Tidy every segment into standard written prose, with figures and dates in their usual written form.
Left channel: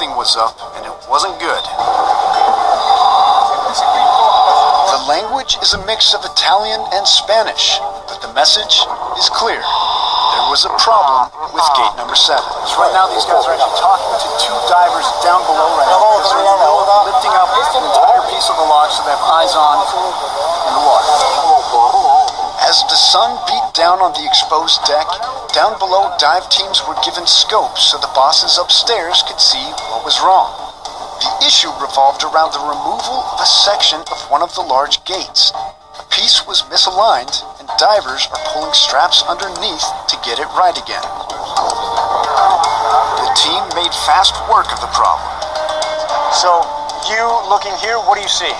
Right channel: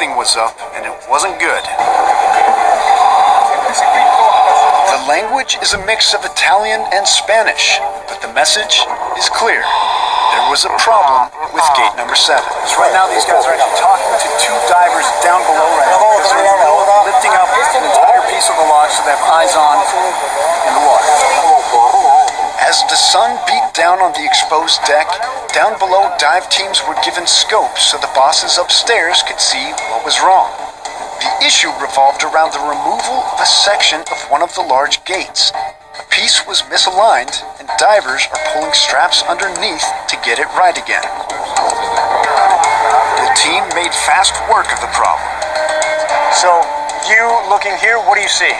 something was up, and it wasn't good. The language is a mix of Italian and Spanish, but the message is clear. There was a problem with gate number 7. So right now these guys are actually talking to two divers down below right now because they're in the middle of lifting up an entire piece of the lock so they have eyes on in the water. As the sun beat down on the exposed deck, down below dive teams were given scopes so the bosses upstairs could see what was wrong. The issue revolved around the removal of a section of one of the large gates. A piece was misaligned, and divers are pulling straps underneath to get it right again. The team made fast work of the problem. So, you looking here, what do you see?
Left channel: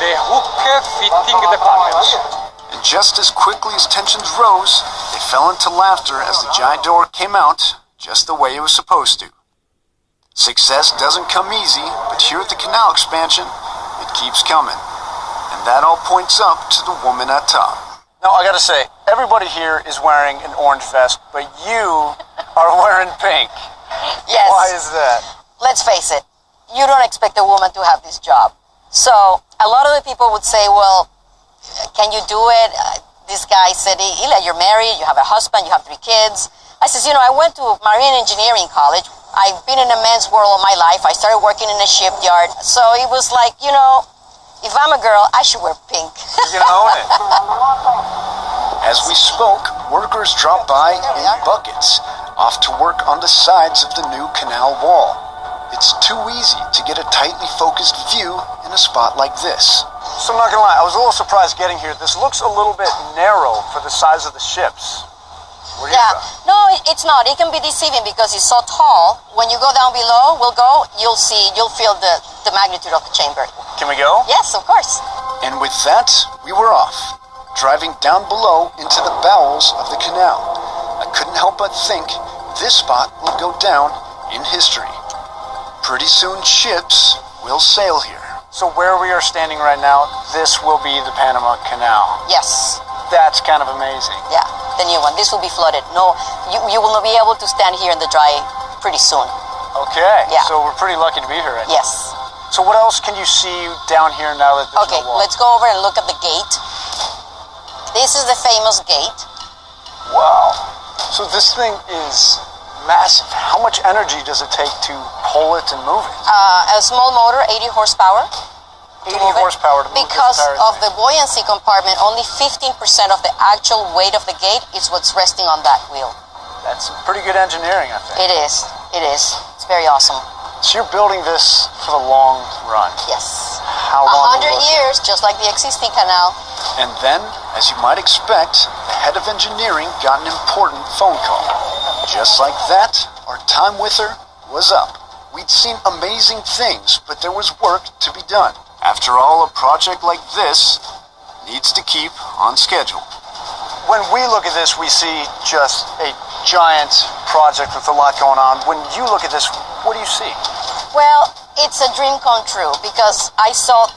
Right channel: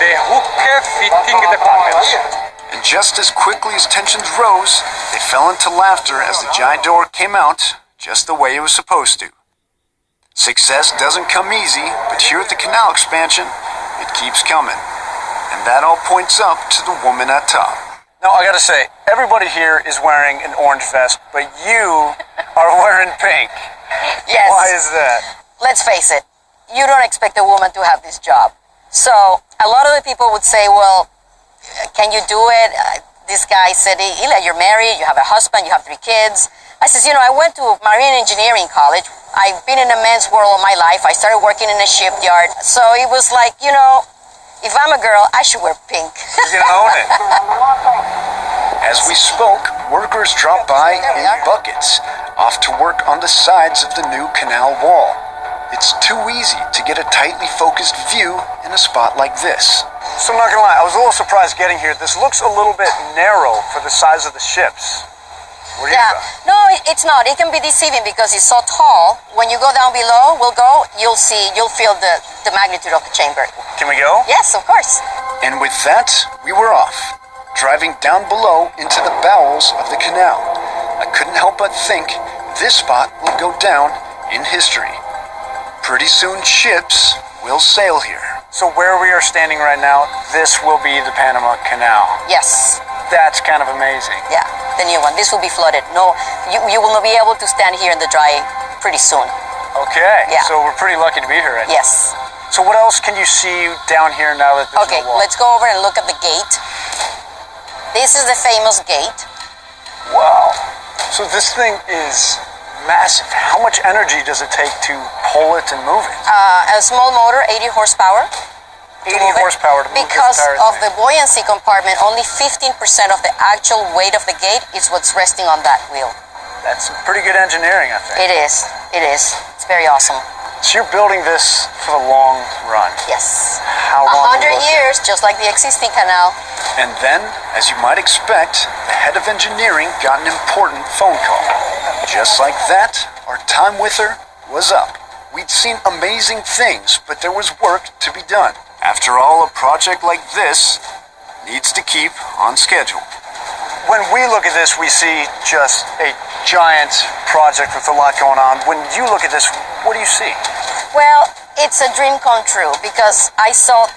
The hook fitting the panels. And just as quickly as tensions rose, they fell into laughter as the giant door came out just the way it was supposed to. Success doesn't come easy, but here at the canal expansion, it keeps coming. And that all points up to the woman at top. Now, I gotta say, everybody here is wearing an orange vest, but you are wearing pink. Yes. Why is that? Let's face it, you don't expect a woman to have this job. So, a lot of the people would say, well, can you do it? This guy said, Ila, you're married, you have a husband, you have 3 kids. I says, I went to marine engineering college. I've been in the men's world all my life. I started working in a shipyard. So it was like, if I'm a girl, I should wear pink. You own it. As we spoke, workers dropped by in buckets, off to work on the sides of the new canal wall. It's too easy to get a tightly focused view in a spot like this. So I'm not gonna lie, I was a little surprised getting here. This looks a little bit narrow for the size of the ships. What do you think? No, it's not. It can be deceiving because it's so tall. When you go down below, you'll feel the magnitude of the chamber. Can we go? Yes, of course. And with that, we were off, driving down below into the bowels of the canal. I couldn't help but think this spot will go down in history. Pretty soon ships will sail here. So where we are standing right now, this will be the Panama Canal. Yes. That's kind of amazing. Yeah, the new one. This will be flooded. No, you will not be able to stand here in the dry pretty soon. Okay. Yeah. So we're pretty lucky to be here right now. Yes. So what else can you see down here now that there's Okay, no wall? let's go over and look at the gate. This is the famous gate. Wow. So this thing is massive. How much energy does it take to pull it and move it? A small motor, 80 horsepower. 80 horsepower to move because this entire of thing. the buoyancy compartment, only 15% of the actual weight of the gate is what's resting on that wheel. That's some pretty good engineering, I think. It is. It's very awesome. So you're building this for the long run. Yes. How long? 100 years, just like the existing canal. And then, as you might expect, the head of engineering got an important phone call. Just like that, our time with her was up. We'd seen amazing things, but there was work to be done. After all, a project like this needs to keep on schedule. When we look at this, we see just a giant project with a lot going on. When you look at this, what do you see? Well, it's a dream come true because I saw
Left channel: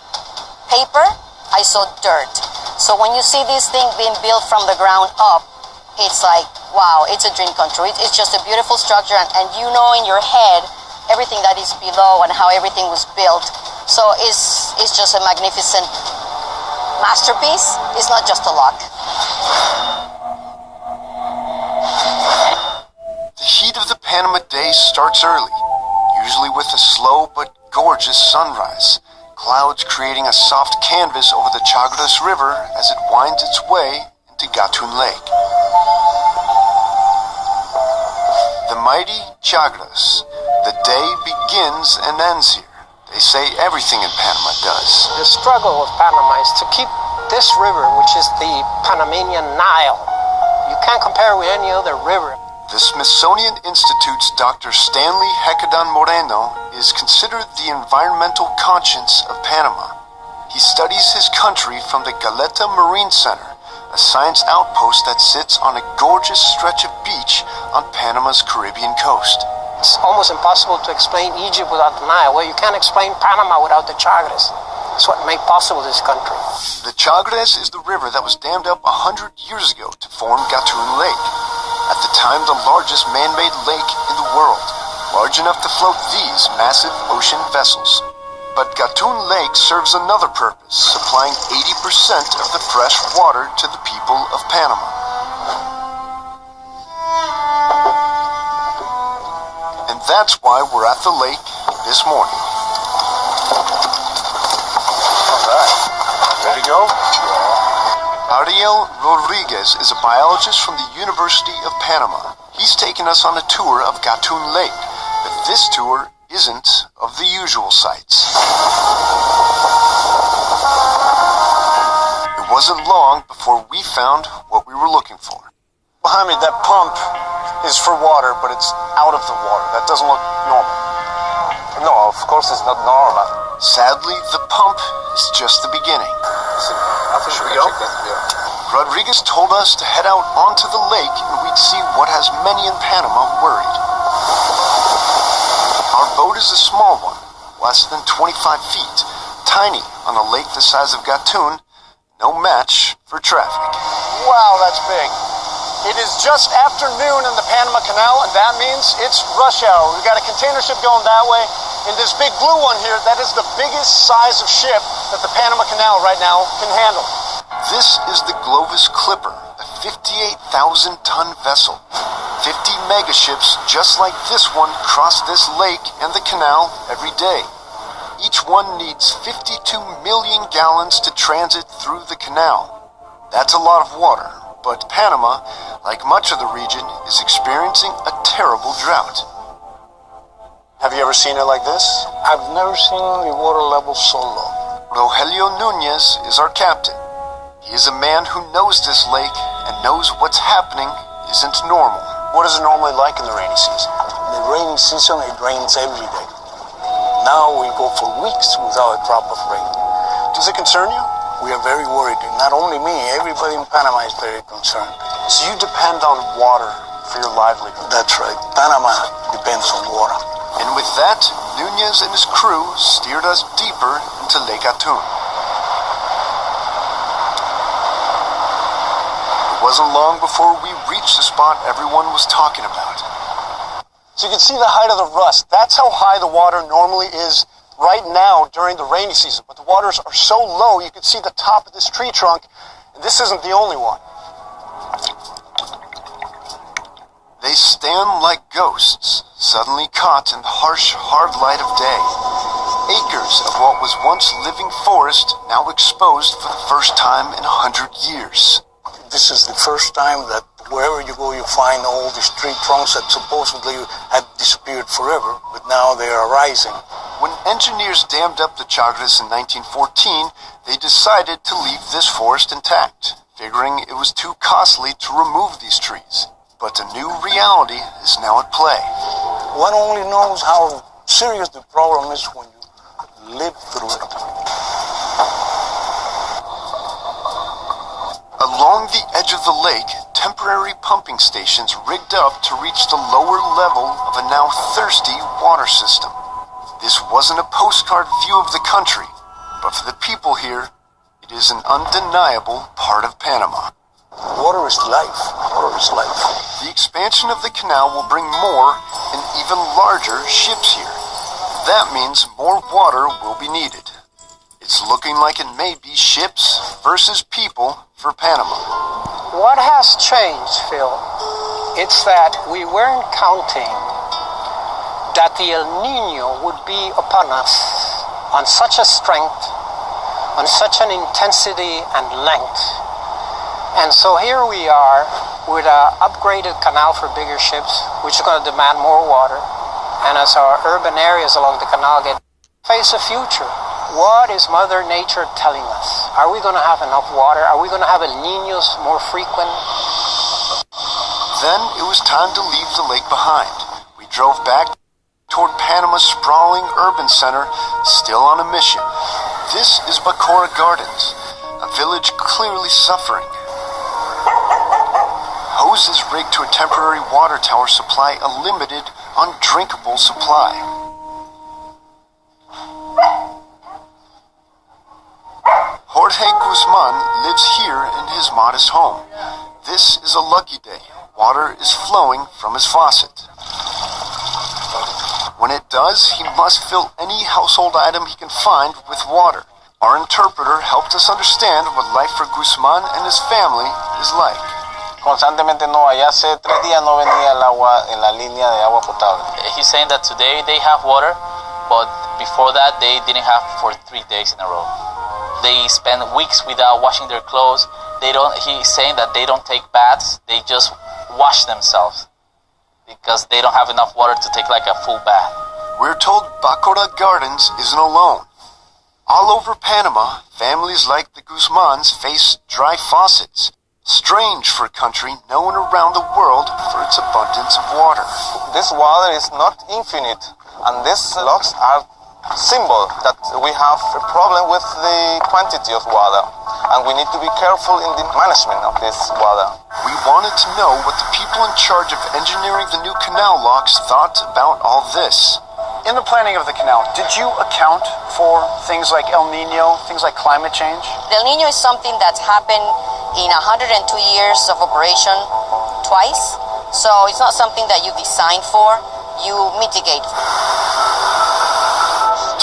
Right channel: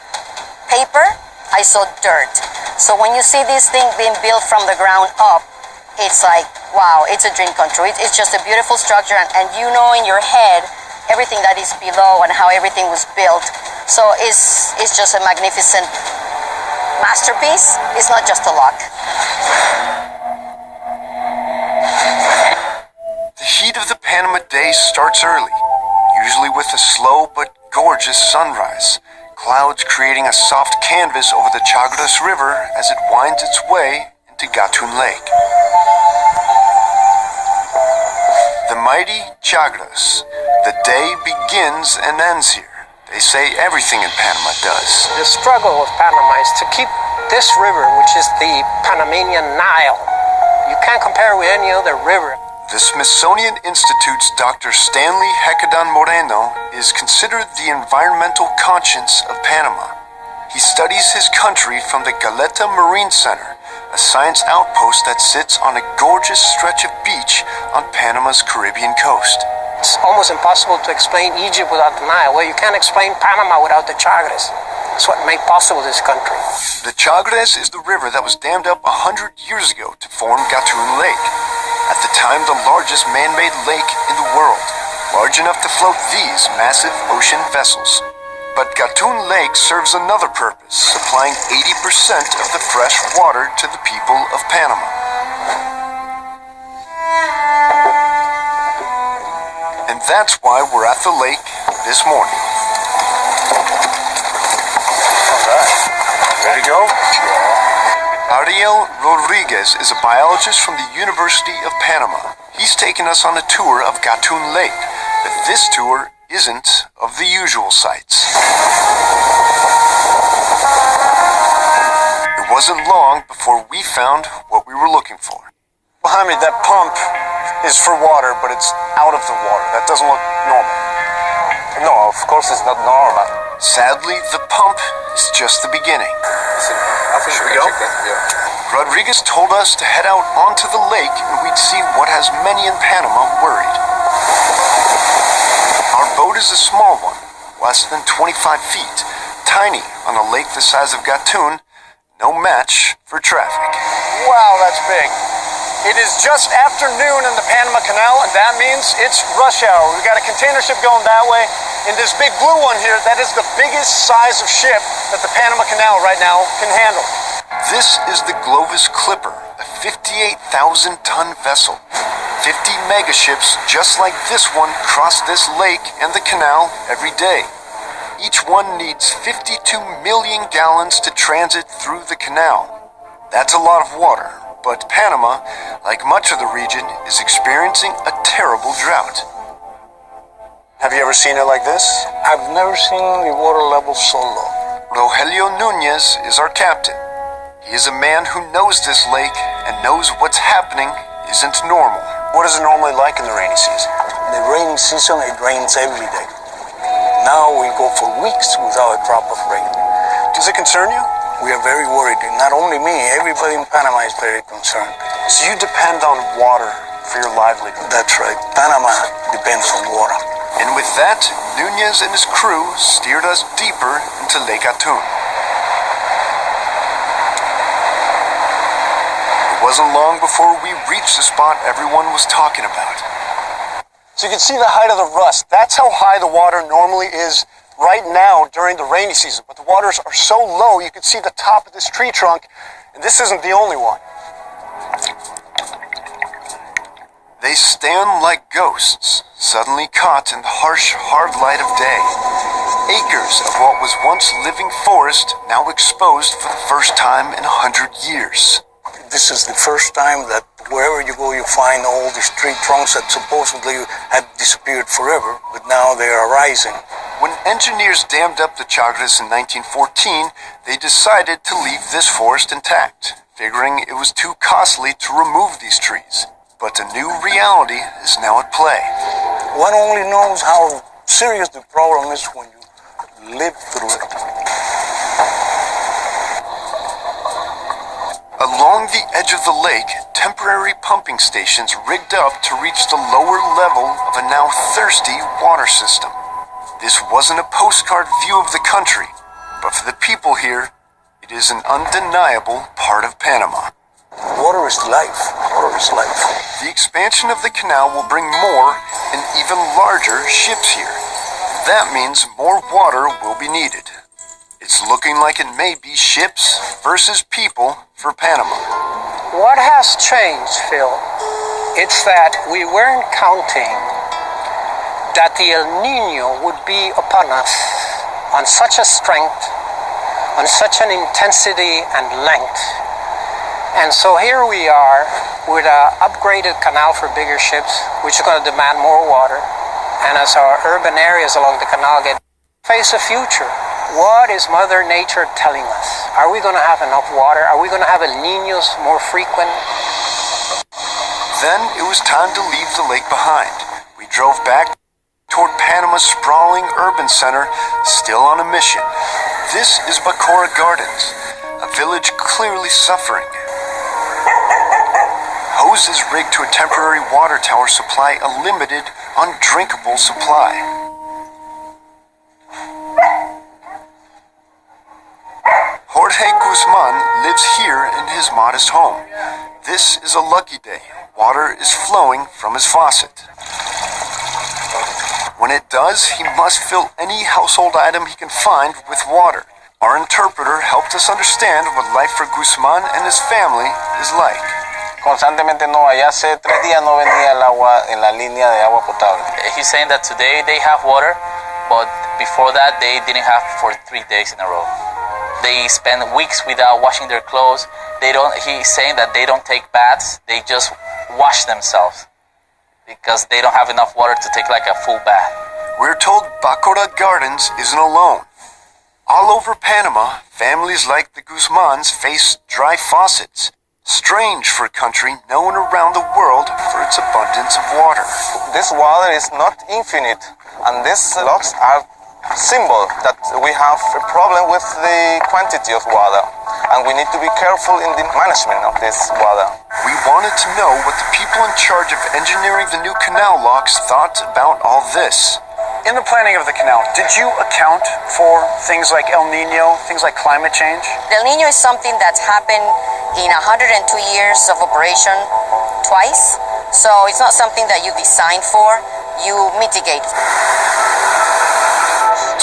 paper, I saw dirt. So when you see this thing being built from the ground up, it's like, wow, it's a dream come true. It's just a beautiful structure, and you know in your head everything that is below and how everything was built. So it's just a magnificent masterpiece. It's not just a lock. The heat of the Panama day starts early, usually with a slow but gorgeous sunrise, clouds creating a soft canvas over the Chagres River as it winds its way into Gatun Lake. The mighty Chagres. The day begins and ends here. They say everything in Panama does. The struggle of Panama is to keep this river, which is the Panamanian Nile. You can't compare with any other river. The Smithsonian Institute's Dr. Stanley Hecadan Moreno is considered the environmental conscience of Panama. He studies his country from the Galeta Marine Center, a science outpost that sits on a gorgeous stretch of beach on Panama's Caribbean coast. It's almost impossible to explain Egypt without the Nile. Well, you can't explain Panama without the Chagres. It's what made possible this country. The Chagres is the river that was dammed up 100 years ago to form Gatun Lake, at the time the largest man-made lake in the world. large enough to float these massive ocean vessels. But Gatun Lake serves another purpose, supplying 80% of the fresh water to the people of Panama. And that's why we're at the lake this morning. Ready to go? Ariel Rodriguez is a biologist from the University of Panama. He's taken us on a tour of Gatun Lake, but this tour isn't of the usual sights. It wasn't long before we found what we were looking for. Behind me, that pump is for water, but it's out of the water. That doesn't look normal. No, of course it's not normal. Sadly, the pump is just the beginning. Should we go? Rodriguez told us to head out onto the lake and we'd see what has many in Panama worried. Our boat is a small one, less than 25 feet, tiny on a lake the size of Gatun, no match for traffic. Wow, that's big. It is just after noon in the Panama Canal, and that means it's rush hour. We've got a container ship going that way, and this big blue one here, that is the biggest size of ship that the Panama Canal right now can handle. This is the Glovis Clipper, a 58,000-ton vessel. 50 megaships just like this one cross this lake and the canal every day. Each one needs 52 million gallons to transit through the canal. That's a lot of water, but Panama, like much of the region, is experiencing a terrible drought. Have you ever seen it like this? I've never seen the water level so low. Rogelio Nunez is our captain. He is a man who knows this lake and knows what's happening isn't normal. What is it normally like in the rainy season? In the rainy season, it rains every day. Now we go for weeks without a drop of rain. Does it concern you? We are very worried. Not only me, everybody in Panama is very concerned. So you depend on water for your livelihood? That's right. Panama depends on water. And with that, Nunez and his crew steered us deeper into Lake Gatun. It wasn't long before we reached the spot everyone was talking about. So you can see the height of the rust. That's how high the water normally is right now during the rainy season. But the waters are so low, you can see the top of this tree trunk, and this isn't the only one. They stand like ghosts, suddenly caught in the harsh, hard light of day. Acres of what was once living forest now exposed for the first time in 100 years. This is the first time that wherever you go, you find all these tree trunks that supposedly had disappeared forever, but now they are rising. When engineers dammed up the Chagres in 1914, they decided to leave this forest intact, figuring it was too costly to remove these trees. But a new reality is now at play. One only knows how serious the problem is when you live through it. Along the edge of the lake, temporary pumping stations rigged up to reach the lower level of a now thirsty water system. This wasn't a postcard view of the country, but for the people here, it is an undeniable part of Panama. Water is life. Water is life. The expansion of the canal will bring more and even larger ships here. That means more water will be needed. It's looking like it may be ships versus people for Panama. What has changed, Phil? It's that we weren't counting that the El Nino would be upon us on such a strength, on such an intensity and length. And so here we are with an upgraded canal for bigger ships, which is going to demand more water. And as our urban areas along the canal get face a future, what is Mother Nature telling us? Are we going to have enough water? Are we going to have El Niños more frequent? Then it was time to leave the lake behind. We drove back toward Panama's sprawling urban center, still on a mission. This is Bacora Gardens, a village clearly suffering. Hoses rigged to a temporary water tower supply a limited, undrinkable supply. Jorge Guzman lives here in his modest home. This is a lucky day. Water is flowing from his faucet. When it does, he must fill any household item he can find with water. Our interpreter helped us understand what life for Guzman and his family is like. Constantemente no vaya, hace 3 días no venía el agua en la línea de agua potable. He's saying that today they have water, but before that they didn't have for 3 days in a row. They spend weeks without washing their clothes. He's saying that they don't take baths, they just wash themselves because they don't have enough water to take like a full bath. We're told Bacora Gardens isn't alone. All over Panama, families like the Guzmans face dry faucets. Strange for a country known around the world for its abundance of water. This water is not infinite, and these locks are symbol that we have a problem with the quantity of water, and we need to be careful in the management of this water. We wanted to know what the people in charge of engineering the new canal locks thought about all this. In the planning of the canal, did you account for things like El Nino, things like climate change? El Nino is something that's happened in 102 years of operation twice. So it's not something that you design for, you mitigate.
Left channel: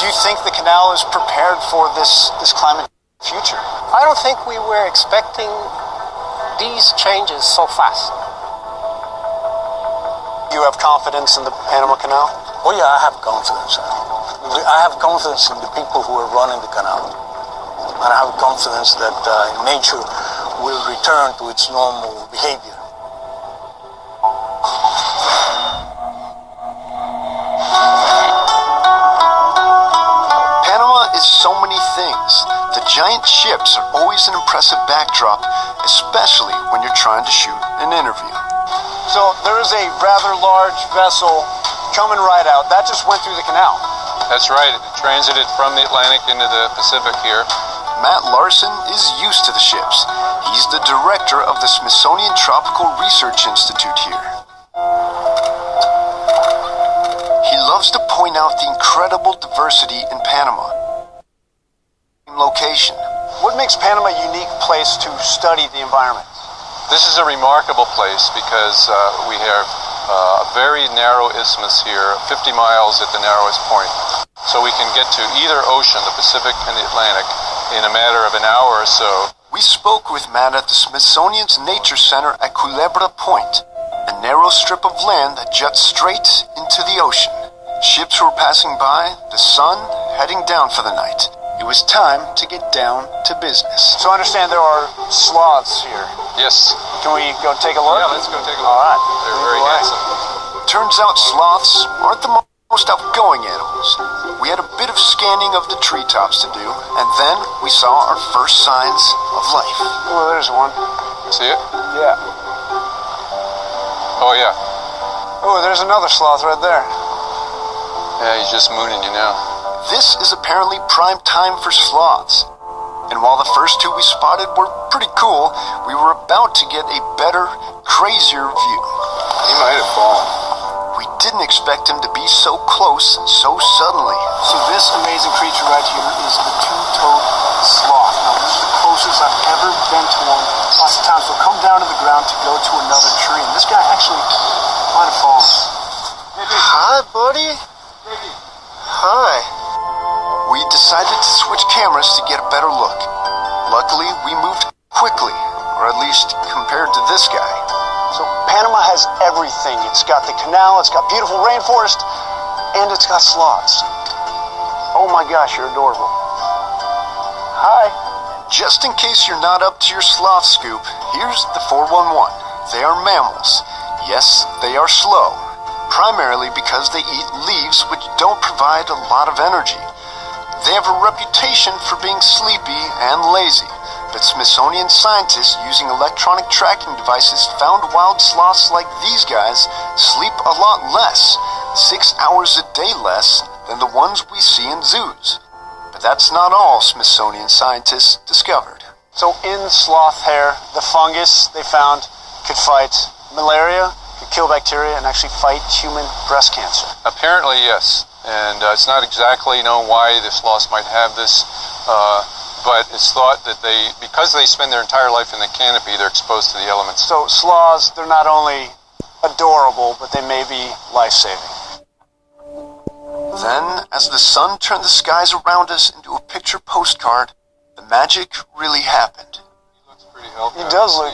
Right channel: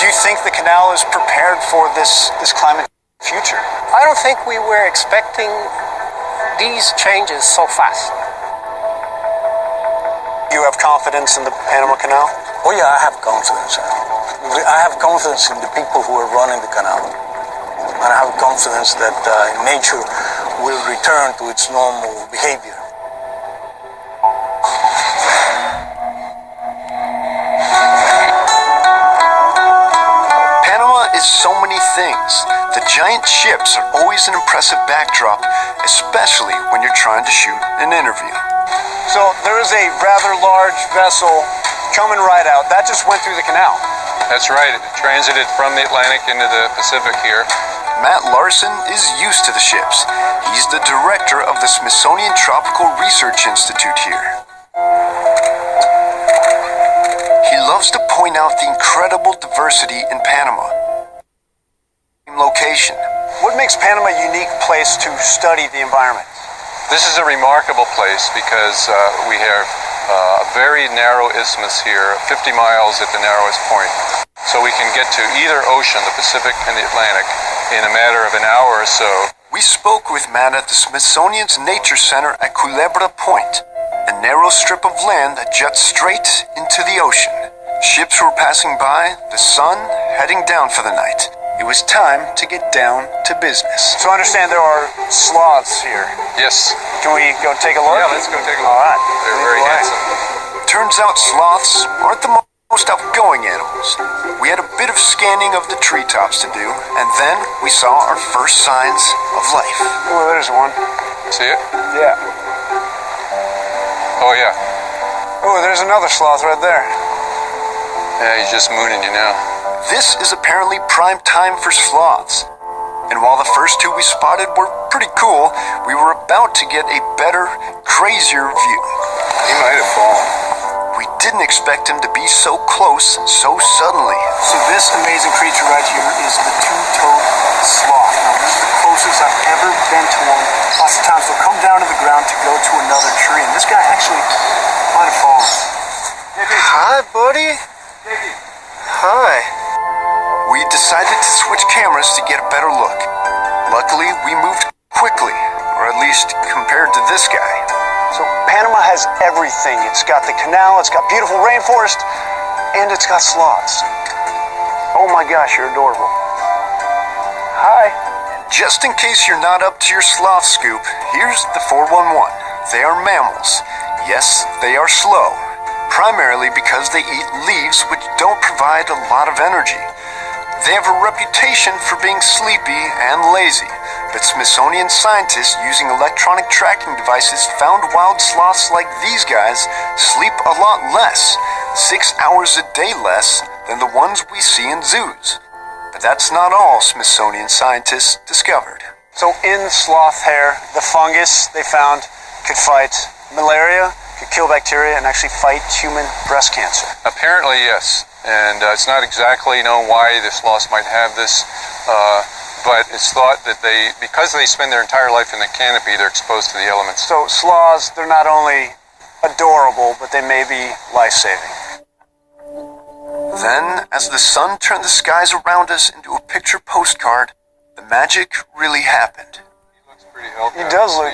Do you think the canal is prepared for this climate future? I don't think we were expecting these changes so fast. You have confidence in the Panama Canal? Oh yeah, I have confidence. I have confidence in the people who are running the canal. And I have confidence that nature will return to its normal behavior. Panama is so many things. The giant ships are always an impressive backdrop, especially when you're trying to shoot an interview. So there is a rather large vessel coming right out. That just went through the canal. That's right. It transited from the Atlantic into the Pacific here. Matt Larson is used to the ships. He's the director of the Smithsonian Tropical Research Institute here. He loves to point out the incredible diversity in Panama. Location. What makes Panama a unique place to study the environment? This is a remarkable place because we have a very narrow isthmus here, 50 miles at the narrowest point. So we can get to either ocean, the Pacific and the Atlantic, in a matter of an hour or so. We spoke with Matt at the Smithsonian's Nature Center at Culebra Point, a narrow strip of land that juts straight into the ocean. Ships were passing by, the sun heading down for the night. It was time to get down to business. So I understand there are sloths here. Yes. Can we go take a look? Yeah, let's go take a look. All right. They're Lead very the way. handsome. Turns out sloths aren't the most outgoing animals. We had a bit of scanning of the treetops to do, and then we saw our first signs of life. Oh, there's one. See it? Yeah. Oh, yeah. Oh, there's another sloth right there. Yeah, he's just mooning you now. This is apparently prime time for sloths. And while the first two we spotted were pretty cool, we were about to get a better, crazier view. He might have fallen. We didn't expect him to be so close so suddenly. So this amazing creature right here is the two-toed sloth. Now, this is the closest I've ever been to one. Lots of times they'll come down to the ground to go to another tree, and this guy actually might have fallen. Hi, buddy. Hi. We decided to switch cameras to get a better look. Luckily, we moved quickly, or at least compared to this guy. So Panama has everything. It's got the canal, it's got beautiful rainforest, and it's got sloths. Oh my gosh, you're adorable. Hi. Just in case you're not up to your sloth scoop, here's the 411. They are mammals. Yes, they are slow, primarily because they eat leaves which don't provide a lot of energy. They have a reputation for being sleepy and lazy, but Smithsonian scientists using electronic tracking devices found wild sloths like these guys sleep a lot less, 6 hours a day less than the ones we see in zoos. But that's not all Smithsonian scientists discovered. So in sloth hair, the fungus they found could fight malaria, could kill bacteria, and actually fight human breast cancer. Apparently, yes. And it's not exactly known why the sloths might have this, but it's thought that because they spend their entire life in the canopy, they're exposed to the elements. So sloths, they're not only adorable, but they may be life-saving. Then, as the sun turned the skies around us into a picture postcard, the magic really happened. He looks pretty healthy. He does look